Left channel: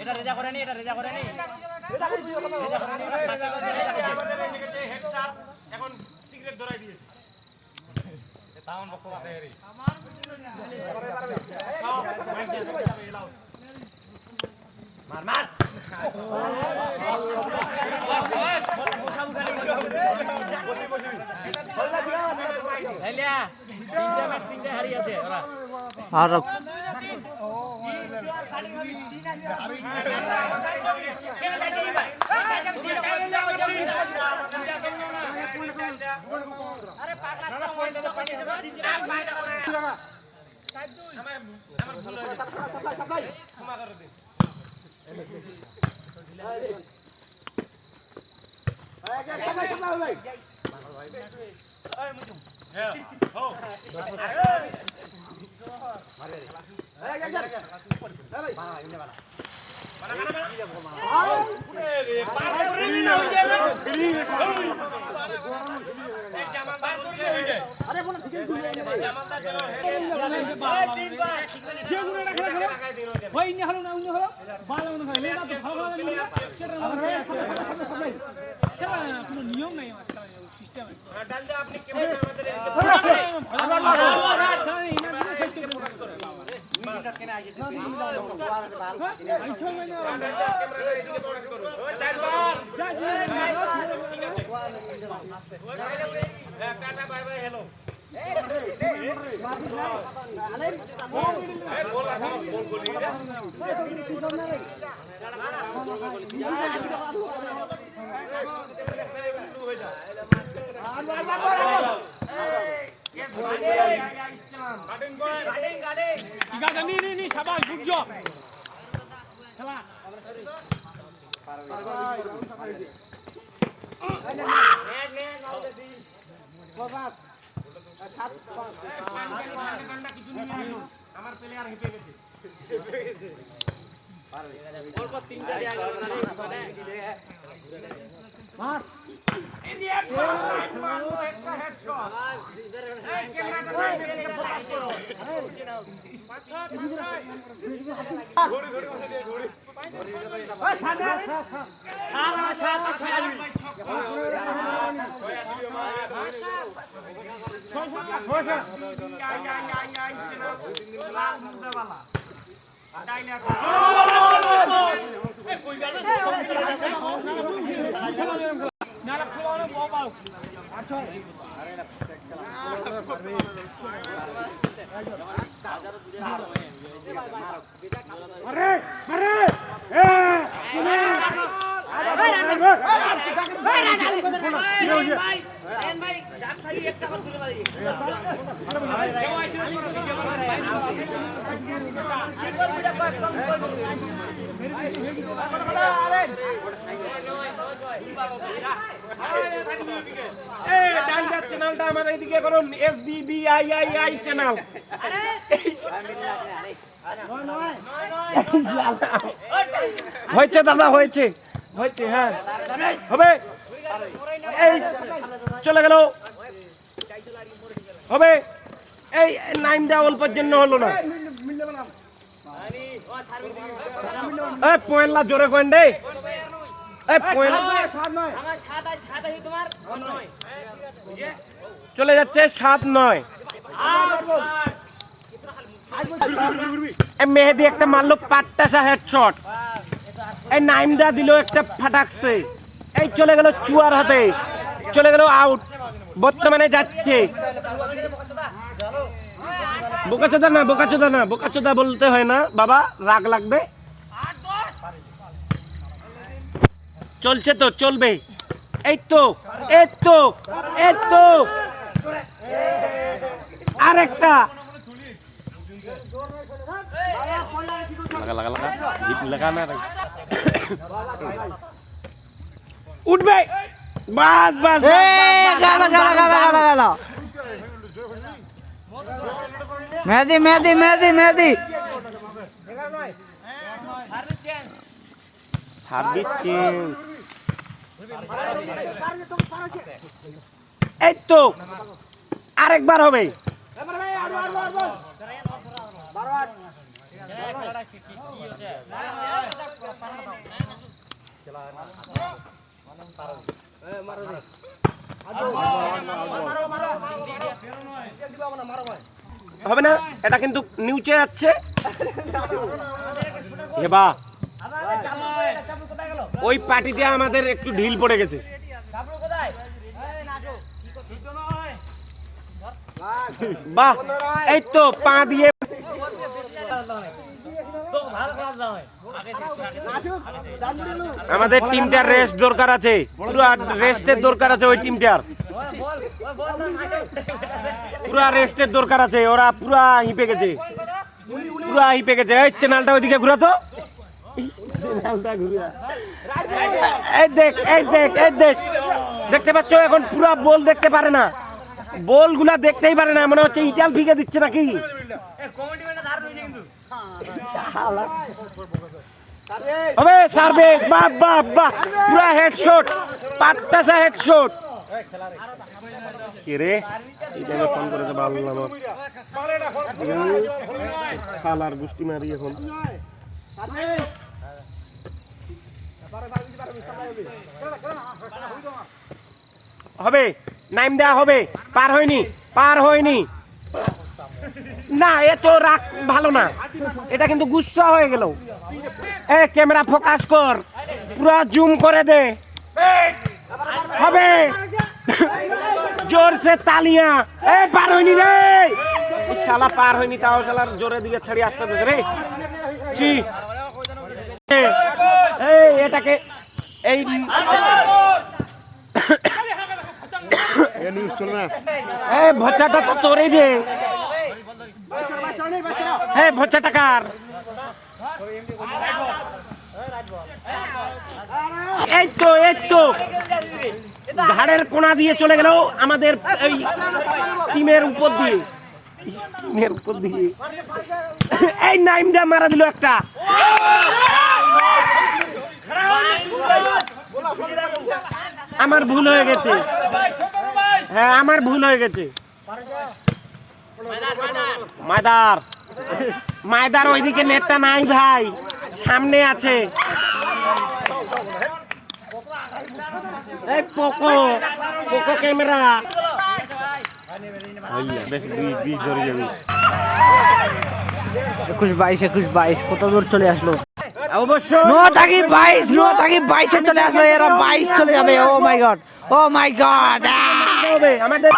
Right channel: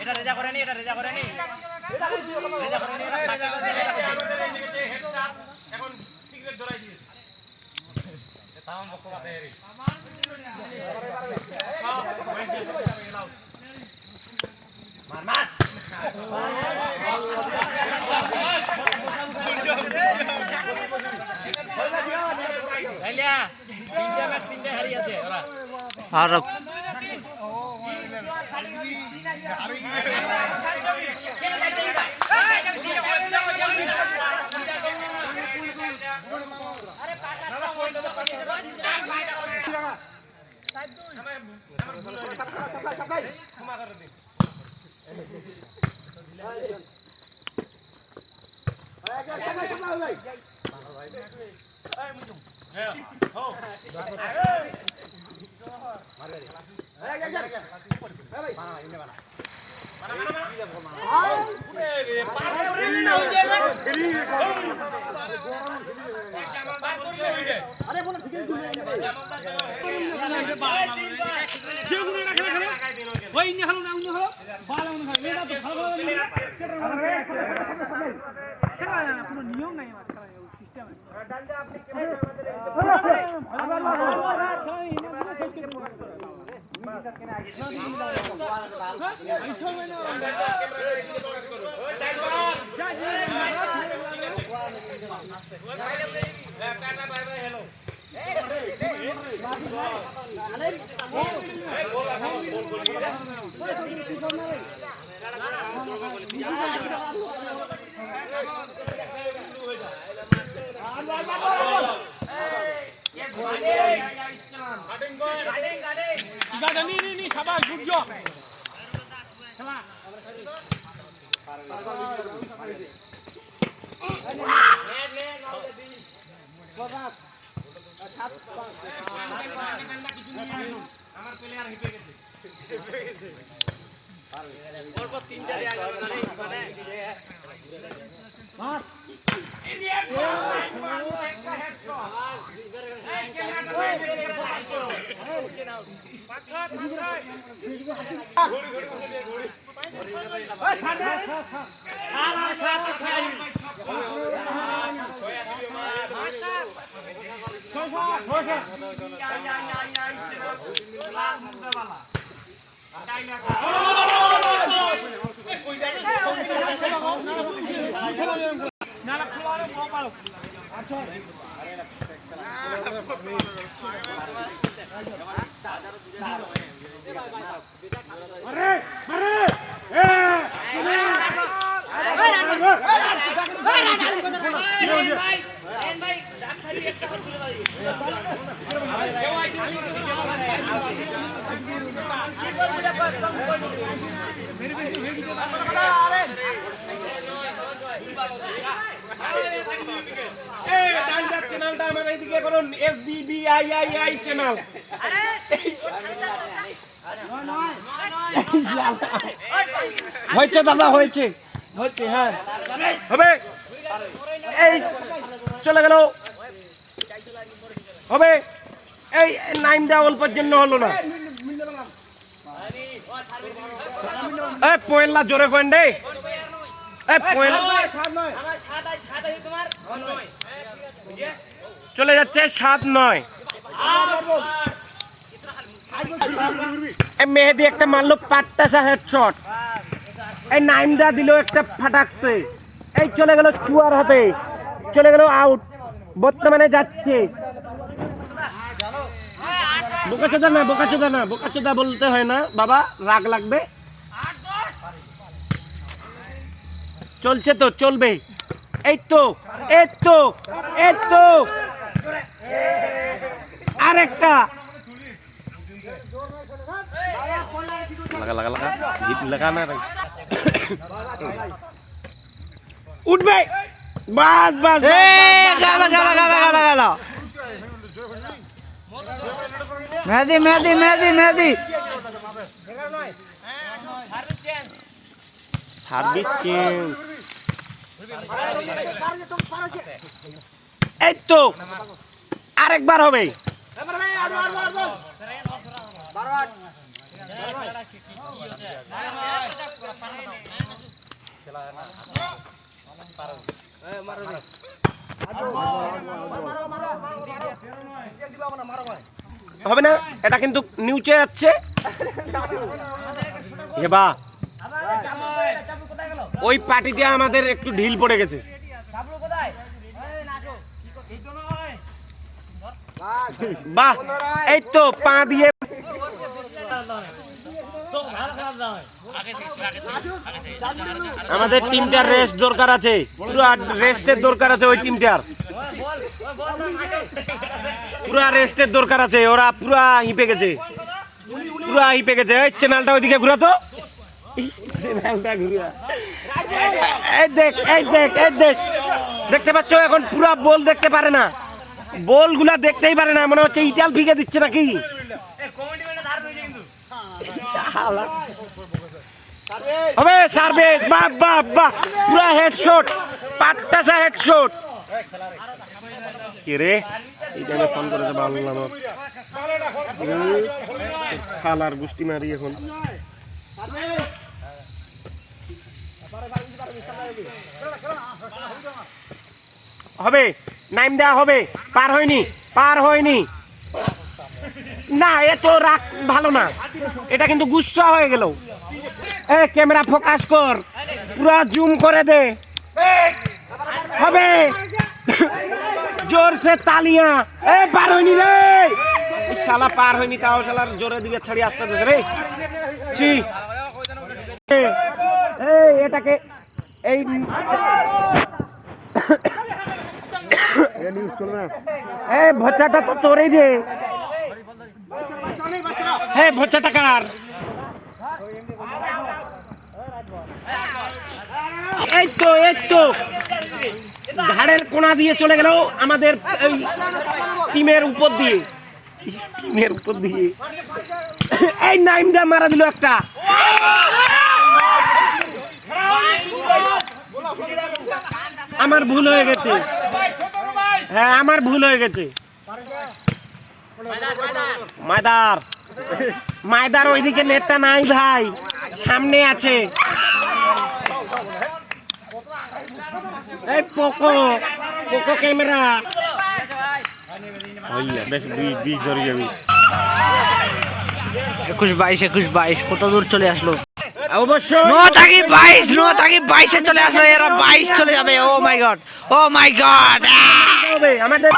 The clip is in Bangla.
এটা রেজা করে নি হেডশট এখন সিগারেট ধরাই দিয়েছে তামাম বক্ত মাথায় হেরি মার তিনটা হারি আছে আর নিয়ম নাই system tata bye bye hello আমার প্লেয়ার হেঁটে গেছে অল্প তিনটা চ্যানেলটা আমার এইদিকে করুন SBBIII চ্যানেল হয়েছে দাদা হয়েছে হয়েছে হ্যাঁ হবে এই চলে গেল হবে এই নাইনটা অল্পের জন্য হলো না পয়েন্টলা জোরে কয়েন রে চলে যাচ্ছে 7-9 মেহেদি একটা মারলো পাট্টাসা হেডশট এই নাইমদা দিল একটা ফাটাকছে এই চলে গেল চুয়ার হাতে চলে গেল আউট বর্তমানে যাচ্ছে বোকাচোদা বলতে হয় না বাবা রাগ লাগবে চলছে তো চলবে এই তো আরেকটা উঠবে বাস মেহেদি এই তো আরেকবার হবে হবে না, এটা কিন্তু নিচে যাচ্ছে। এবা ওই পার্টিতে আমাদের একটু ঢিল পড়ে গেছে। বাহ, এই তো পা দিয়ে আমাদের টিমটার রেস্ট দরকার আছে, পুরো রেস্টের দরকার আছে। ওই টিমটার পুরা রেস্টের দরকার আছে। ওরা পুরা হিপে গেছে, পুরা হিপে গেছে। এই চ্যানেলটা ওইদিকে ঘুরাতো, চ্যানেলটা ঘুরা। এই দেখ, এই দেখ, এই দেখ, দেখতে পাচ্ছ? এখন পুরা বল দেখতে পারে না, বল গুলা দেখতেই পারে না। মনে হচ্ছে ইটাল ফিকে দিচ্ছে নাকি। হবে সার্ভিস, বাহ বাহ বাহ, পুরা হেডশট, পাট্টাসা হেডশট। কি রে, এইটাকে ফোন করে তো ভালো লাগলো। খালার গুষ্টি মারি এখন। হবে, নাইম দেওয়া হবে। পার হয়নি, পার হয়নি না। এত রাগ ভালো না, এটা কিন্তু গুচ্ছা হয়ে গেল। এ ক্যামেরা ফোকাস কর, পুরো জুম করে দে। হবে, জোরসে তালিয়া। এ পার হয়নি রে, শালা পার হয়নি। তাও শালার জোরে দিবে, ছাড়ি আসতে দে রে। ছি, এই এটাকে এই ভচ্চাটা তো তোরই রে। হ্যাঁ, ভচ্চাটা কার? এই তো, এই তো ঘাড়ের কোণা দিয়ে চলে গেল আমাদের এই টিমের উপর দিয়ে, টিমের উপর দিয়ে। এই নাইমটা মারা দিল একটা। আমার ভুল হয়ে গেছে, হ্যাঁ আমার ভুল হয়ে গেছে। মায়দার, মায়দার ওইদিকে নেটটা নাই ভাই, সামনে আছে। এই পোকো, পোকো ক্যামেরা। বেশ 20 ধরে যাবি। 21-22, 21-22 কত দূর চলে আসলো। অবশ্যই 9-22 চলে আসলো। এরা 22 চলে যাবে। ও মাই গড, ও মাই গড। আমাদের